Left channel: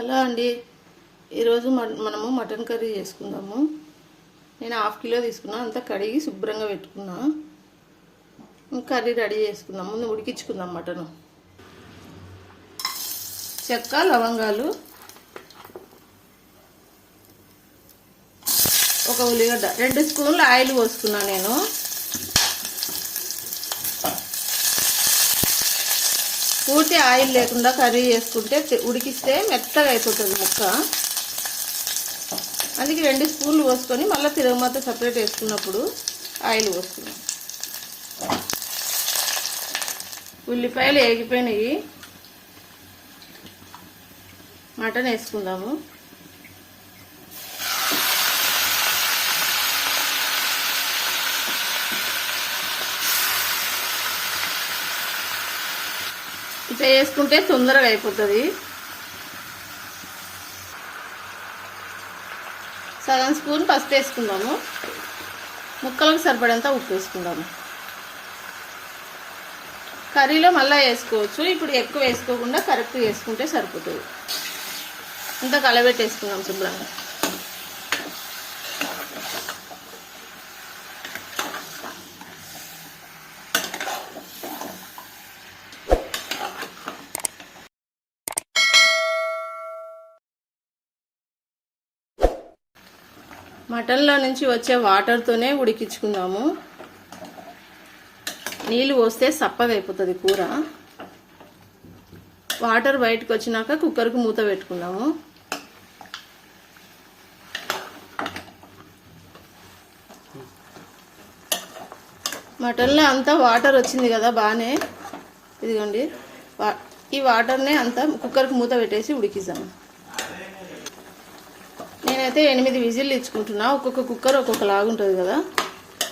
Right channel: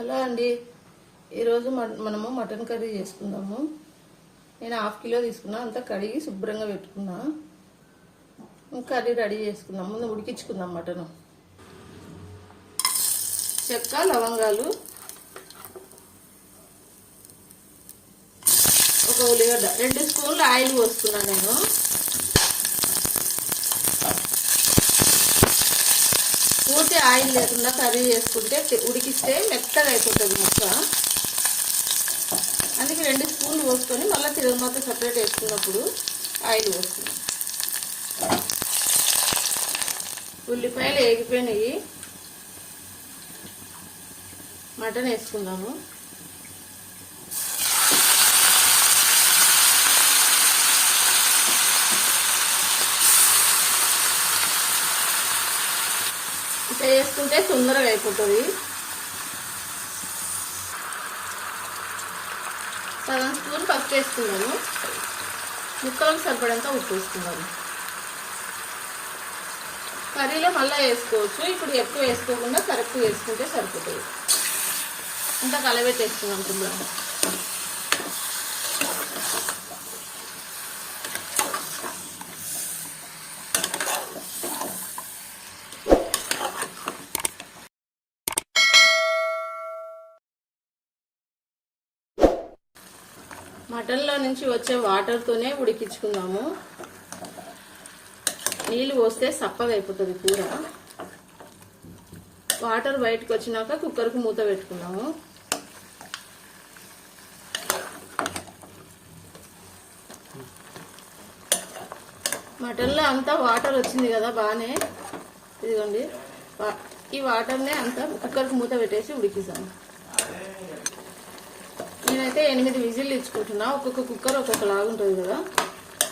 Hello అండి, ఈరోజు మనము మటన్ కర్రీ చేసుకుందాము. నేను ½ కిలో తీసుకున్నా, అంతా కడిగి శుభ్రంగా పెట్టుకున్నా. కర్రీ రెడీ చేసుకుందాం. ముందు ఉడికించుకుందాం మటను. చెక్క, లవంగాలు, ఒక ఉల్లిగడ్డ, 2 స్పూన్లు ఆయిల్ పోసుకున్నా. నేను పూర్తి ఆయిల్ లేకుండా కర్రీ చేసుకుంటే ఉడికిస్తే మెత్తగా అయిపోతుంది ముక్క. అందుకే 2 స్పూన్లు పోసుకొని మళ్ళీ తిరగమాత సపరేట్ వేసుకున్నప్పుడు ఆయిల్ పోసుకున్నాం. ఉల్లిపాయలు వేగిపోయినాయి, మటన్ వేసుకుందాము. ఇట్లా వేసుకుంటే తొందరగా అయిపోతుంది. సగం స్పూన్ పసుపు వేసుకుందాము. ముక్కలకు సరిపడంత ఉప్పు వేసుకుందాము. కర్రీలో మళ్ళీ వేసుకోవచ్చు, ఇప్పుడు ఎక్కువ వేసుకోకుండా కరెక్ట్ వేసుకుంటే సరిపోతుంది. ఇంత కలబెట్టేసుకుందాం శుభ్రంగా. మటన్లో నుంచి వచ్చే వాటర్తోనే ఉడికించుకుందాము. నీళ్ళు పోస్తే సప్పగా అయిపోతుంది కూర. వాటర్ బయటకు వచ్చినాక కుక్కర్కు మూత పెట్టుకుందాము. మటన్లో అంతా వాటర్ వచ్చింది కదా, బాగానే. ఇదిగోండి, ఈ వాటర్నే అంతా కుక్కర్కు మూత పెట్టేసి ఉడికిస్తాము. నేనైతే 8 విజిల్లు ఇచ్చుకుంటున్నా. ఒక్కొక్క కుక్కర్ ఒక్కొక్క లాగుంటుంది కదా,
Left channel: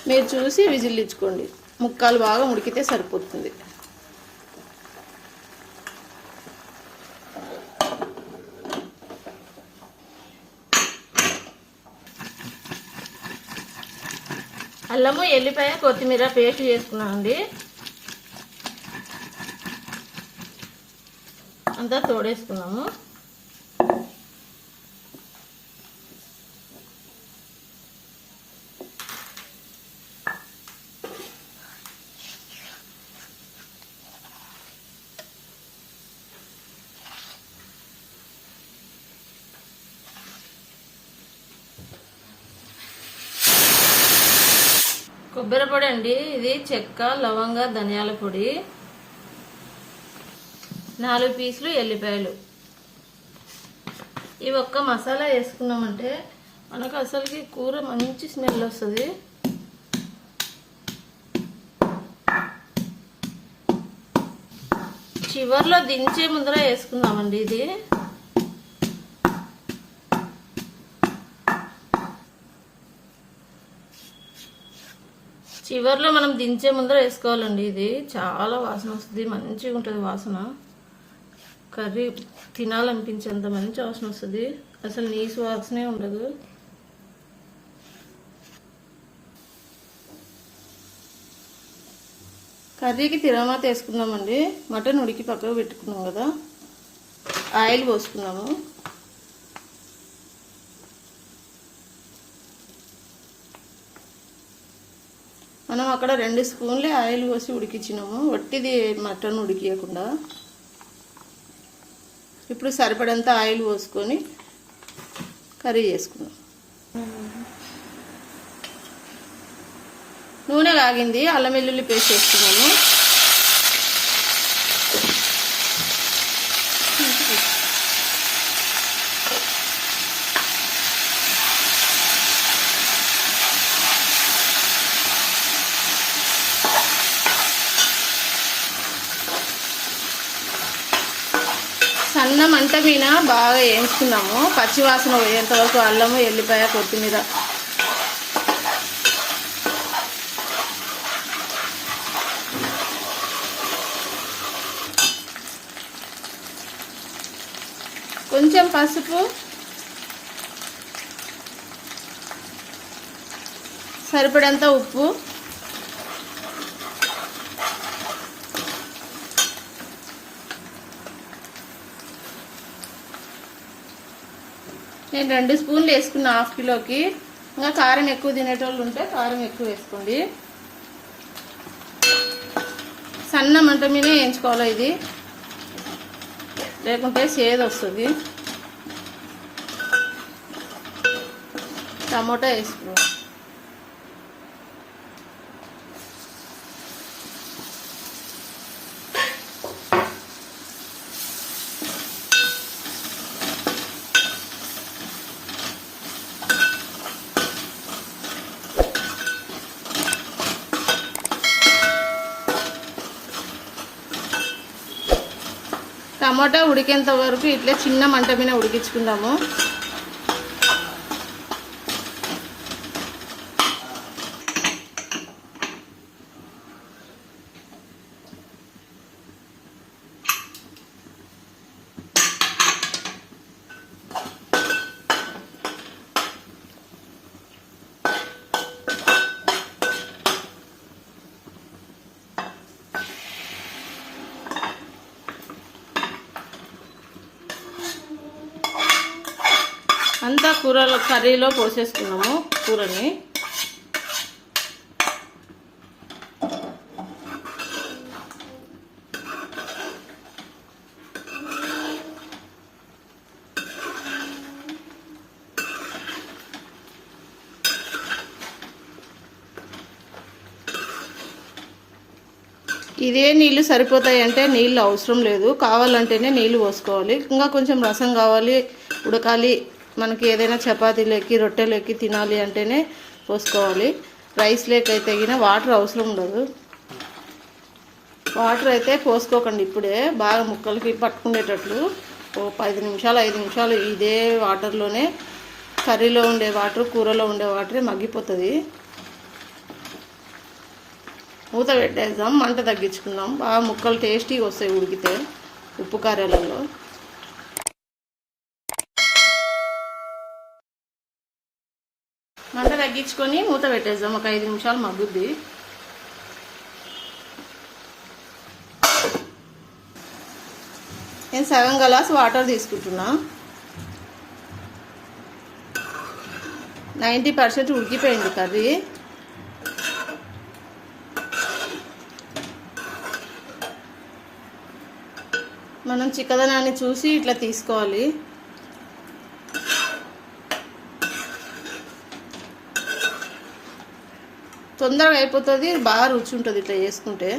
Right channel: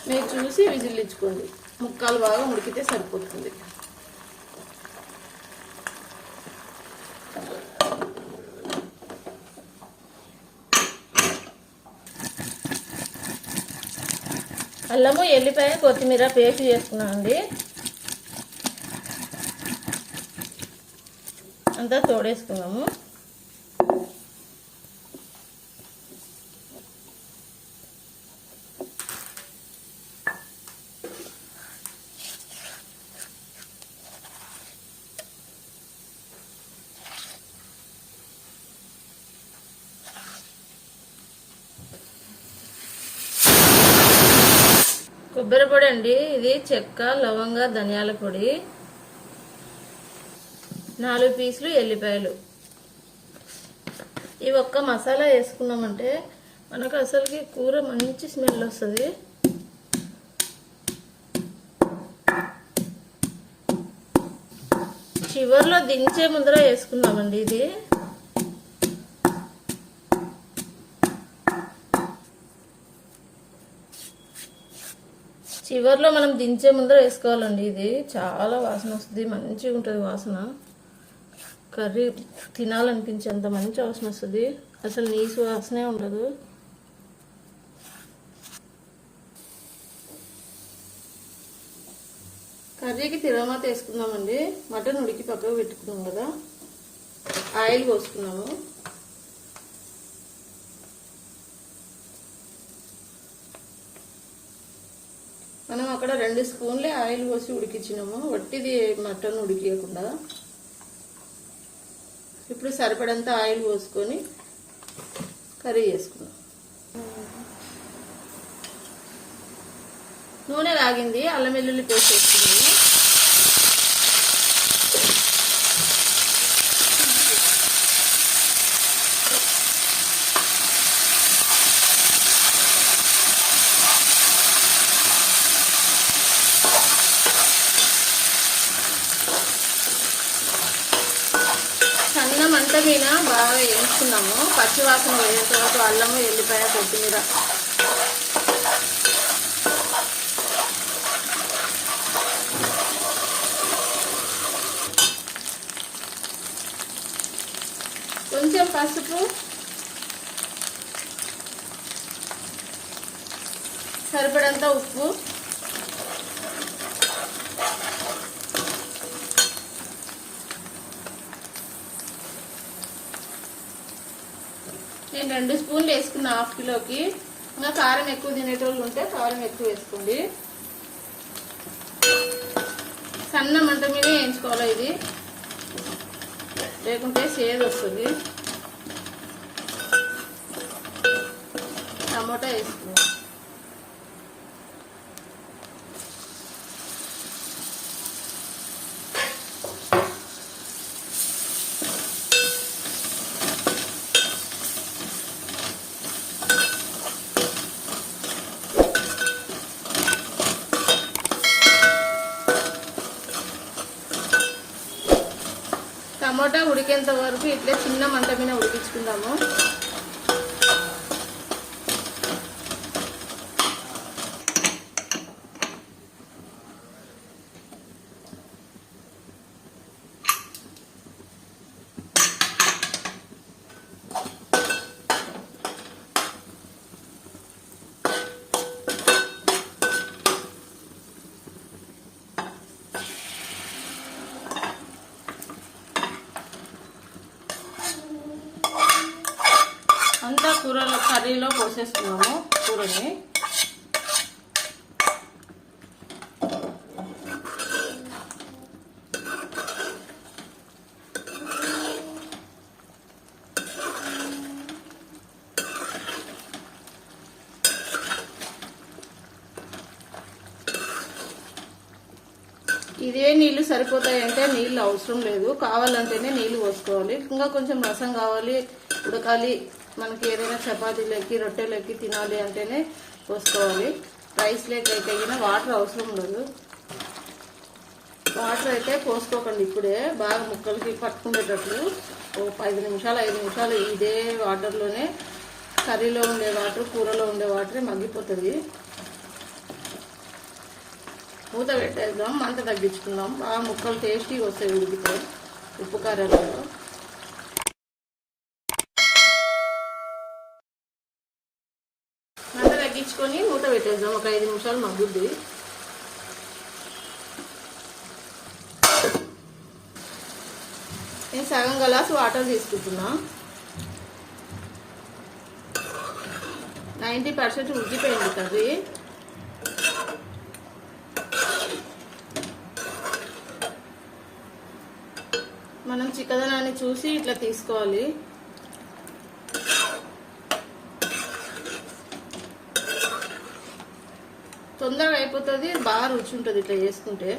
మీరు చూసి విజిల్లు ఇచ్చుకోండి. ముక్కలు బాగా ఉడికితే సరిపోతుంది. అల్లము, ఎల్లిపాయ, కొత్తిమీర పేస్ట్ చేసుకున్నామండి. అంతా తోడేసుకున్నాము. కొబ్బరి పొడి అండి, ఇది చెక్క, లవంగ, ధనియాల పొడి, 4 పీసులు ఎల్లిపాయలు. ఈ ఒక్క మసాలా వేసుకున్నామంటే మనకు అసలుకి కూర మంచి స్మెల్ వస్తుంది. చివర్లో దించే ముందర వేసుకుందామండి. ఇది చివర్లో మనం దించే ముందర వేసుకోవాలండి. ఇది చాలా వాసన వస్తుంది, మంచిగా ఉంటుంది వాసన. కర్రీ తినాలనిపించేంత మంచి వాసన వస్తుంది, అసలు నీసు వాసనే ఉండదు. కర్రీకి తిరగమాత వేసుకుందామండి. మటన్ ఉడికి పక్కకు పెట్టుకున్నాం కదా, ఆయిల్ పోసుకున్నాము. మనం అక్కడ 2 స్పూన్లే ఆయిల్ పోసి ఉడికించినాము, వట్టిది మటన్ ఉడికియకుండా. ఇప్పుడు సరిపడంత ఆయిల్ పోసుకొని కర్రీ చేసుకున్నాం. నూనె కాగింది, అల్లం వెల్లుల్లి పేస్ట్ వేసుకున్నాము. సన్న మంట మీద బాగా వేయించుకున్నాము. పచ్చివాసన పోయేంత వరకు అల్లము, ఎల్లిపాయ, కొత్తిమీర. కొంచెం పసుపు, సరిపడంత ఉప్పు, నేను 2 స్పూన్లు వేసుకున్నా హాఫ్ కిలోకి. ఇంకా కారం ఎక్కువ తినేటోళ్ళు ఉంటే కారం ఎక్కువ వేసుకోండి. సన్న మంట మీద వేయించుకోవాలి ఇది, లేకుంటే చేదు వస్తుంది. టమోటా వేసుకో. టమాటా ఉడికేంత వరకు ఇట్లా చిన్న మంట మీద ఉడికించుకుందాము. అంతా కర్రీలో పోసేసుకున్నాము కూరని. ఇదే నీళ్ళు సరిపోతాయి అంటే నీళ్ళు అవసరం లేదు, కావాలంటేనే నీళ్ళు పోసుకోవాలి. ఇంకా కొంచెం రసం కావాలి, ఉడకాలి, మనకి ఏదైనా చపాతీలోకి రొట్టెలోకి తినాలి అంటేనే పోసుకోవాలి. రైస్ లేకైతే గిన వాటర్ అవసరం ఉండదు. వాటర్ అయితే పోసుకోకండి ఇప్పుడే, బాగా ముక్కలకి పట్టుకునేటట్లు 10 నిమిషాలు 5 నిమిషాలు ఇదే వాటర్లోనే కర్రీలో ఉండే వాటర్, కూరలో ఉండే వాటరే మగ్గిపోతుంది. మూత పెట్టేద్దాం, మంట తగ్గించుకుందాం. బాగా ముక్కలు టేస్టీగా వస్తాయి ఉడికితే ఉప్పు కారాలలో. మంట తగ్గించుకొని మూత పెట్టేద్దాం, ఒక 5 నిమిషాలు మగ్గుద్ది. నేను సగం గ్లాస్ వాటర్ తీసుకుంటున్నా. 90% ఉడికిపోయింది కర్రీ. మనం చిక్కదనాన్ని చూసి ఇట్లా తీసుకోవాలి. తొందరగా అయిపోతుంది, బాగా రుచి ఉంటుంది ఇట్లా చేసుకుంటే.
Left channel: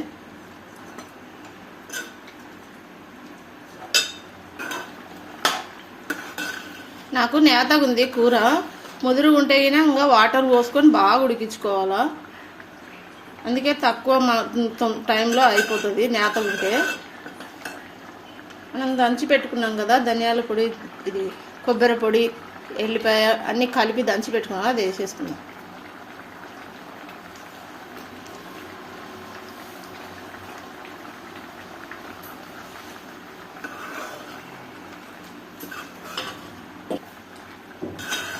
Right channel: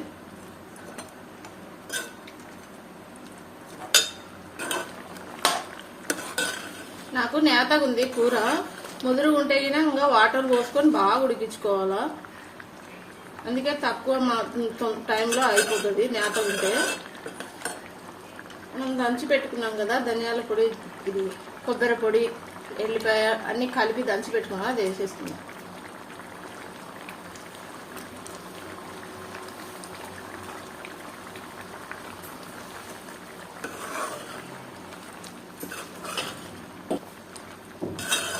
నాకు నేతగా ఉంది కూర, ముదురు ఉంటే ఇంకా వాటర్ పోసుకొని బాగా ఉడికించుకోవాలా. అందుకే తక్కువ టైంలో అయిపోతుంది నేత ఉంటే. మనం దంచి పెట్టుకున్నాం కదా ధనియాల పొడి, ఇది కొబ్బరి పొడి, ఎల్లిపాయ అన్నీ కలిపి దంచి పెట్టుకున్నాం, అది వేసేసుకున్నాం.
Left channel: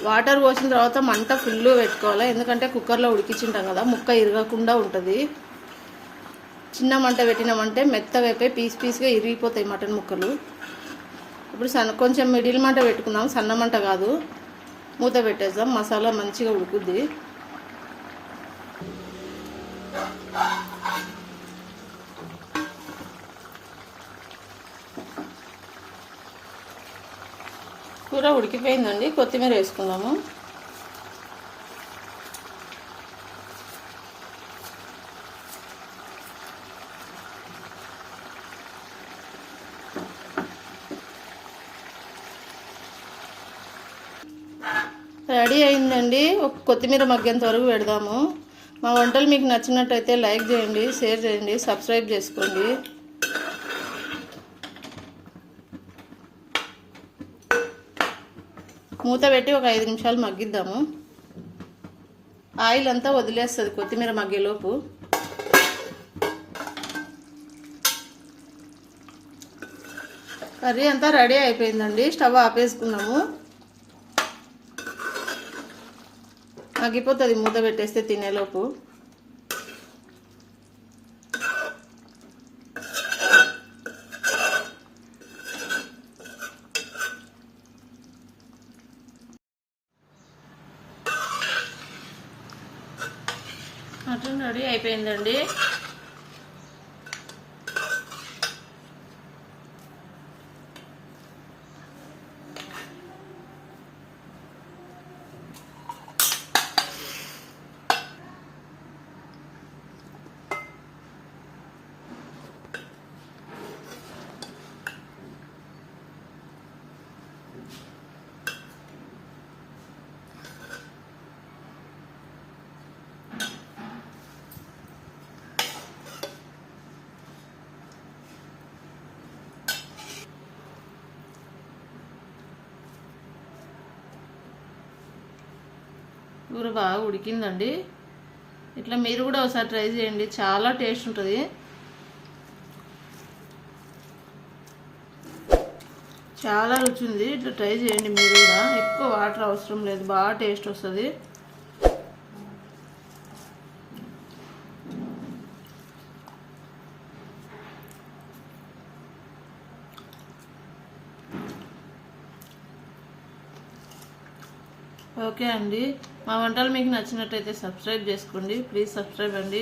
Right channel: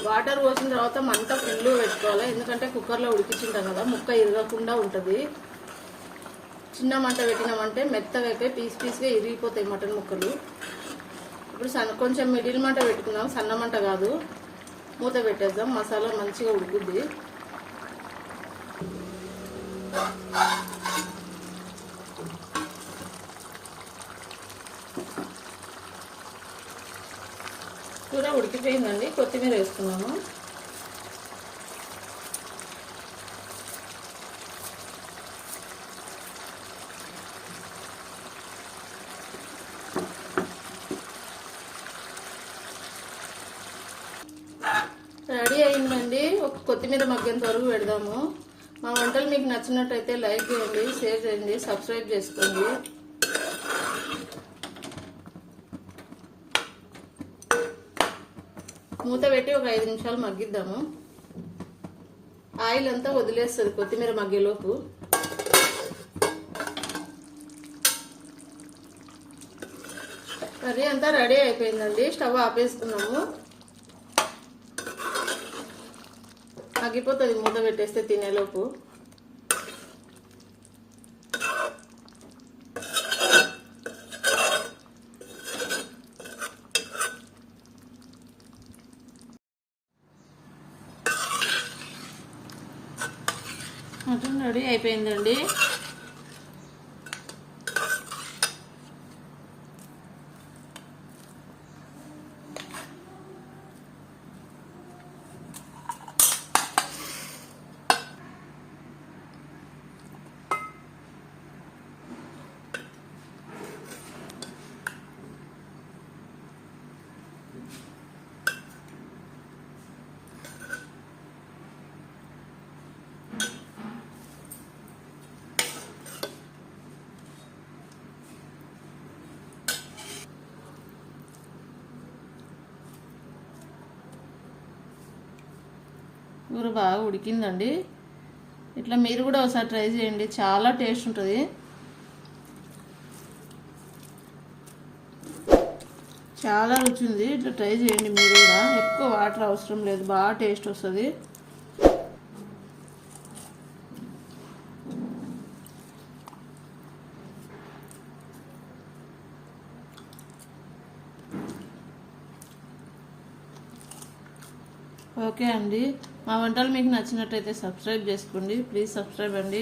వాటర్ పోసిన తర్వాత మంట ఫుల్గా పెట్టుకోవాలి, ఎందుకంటే కుక్కర్లో ఉడికించుంటాం కదా, ముక్క ఇరగకుండా ఉంటుంది. చిన్న మంట పెట్టినామంటే మెత్తగా అయిపోయి పీస్ పీస్గా ఇరిగిపోతాయి మటన్ ముక్కలు. ఇప్పుడు కొంచెం మిడిల్ మంట పెట్టుకుందాం, సన్న మంట కాదు. మూత పెట్టేద్దాం, మసాలా మంచిగా ఉడుకుద్ది. కూర ఉడికిపోయిందండి, కొత్తిమీర వేసుకుందాము. రెడీ అయిందండి, ఒక కొత్తిమీర మగ్గేంత వరకు పెడదాము. మా వంటలు మీకు నచ్చినట్టయితే లైక్ చేయండి, షేర్ చేయండి, సబ్స్క్రైబ్ చేసుకోండి. మూత పెట్టి ఒక 5 నిమిషాలు మగ్గిద్దాము. ఆయిల్ అంతా వదిలేస్తుంది కొత్తిమీర మగ్గేలోపు. కర్రీ అంతా రెడీ అయిపోయిందండి, స్టవ్ ఆపేసుకున్నాము. మగ్గిపోతుంది మూత పెట్టేస్తే తినేలోపు. మటన్ రెడీ అయిపోయిందండి. కూర బాగా ఉడికిందండి. ఇట్లా మీరు కూడా ఒకసారి ట్రై చేయండి, చాలా టేస్ట్ ఉంటుంది. చాలా రుచి ఉంది. ఇట్లా ట్రై చేయండి మీరు కూడా. ఎక్కువ వాటర్ అవసరం లేదు, బాగా టేస్ట్ వస్తుంది. ఓకే అండి, మా వంటలు మీకు నచ్చినట్టయితే సబ్స్క్రైబ్ చేసుకోండి. ప్లీజ్ సబ్స్క్రైబ్ అండి.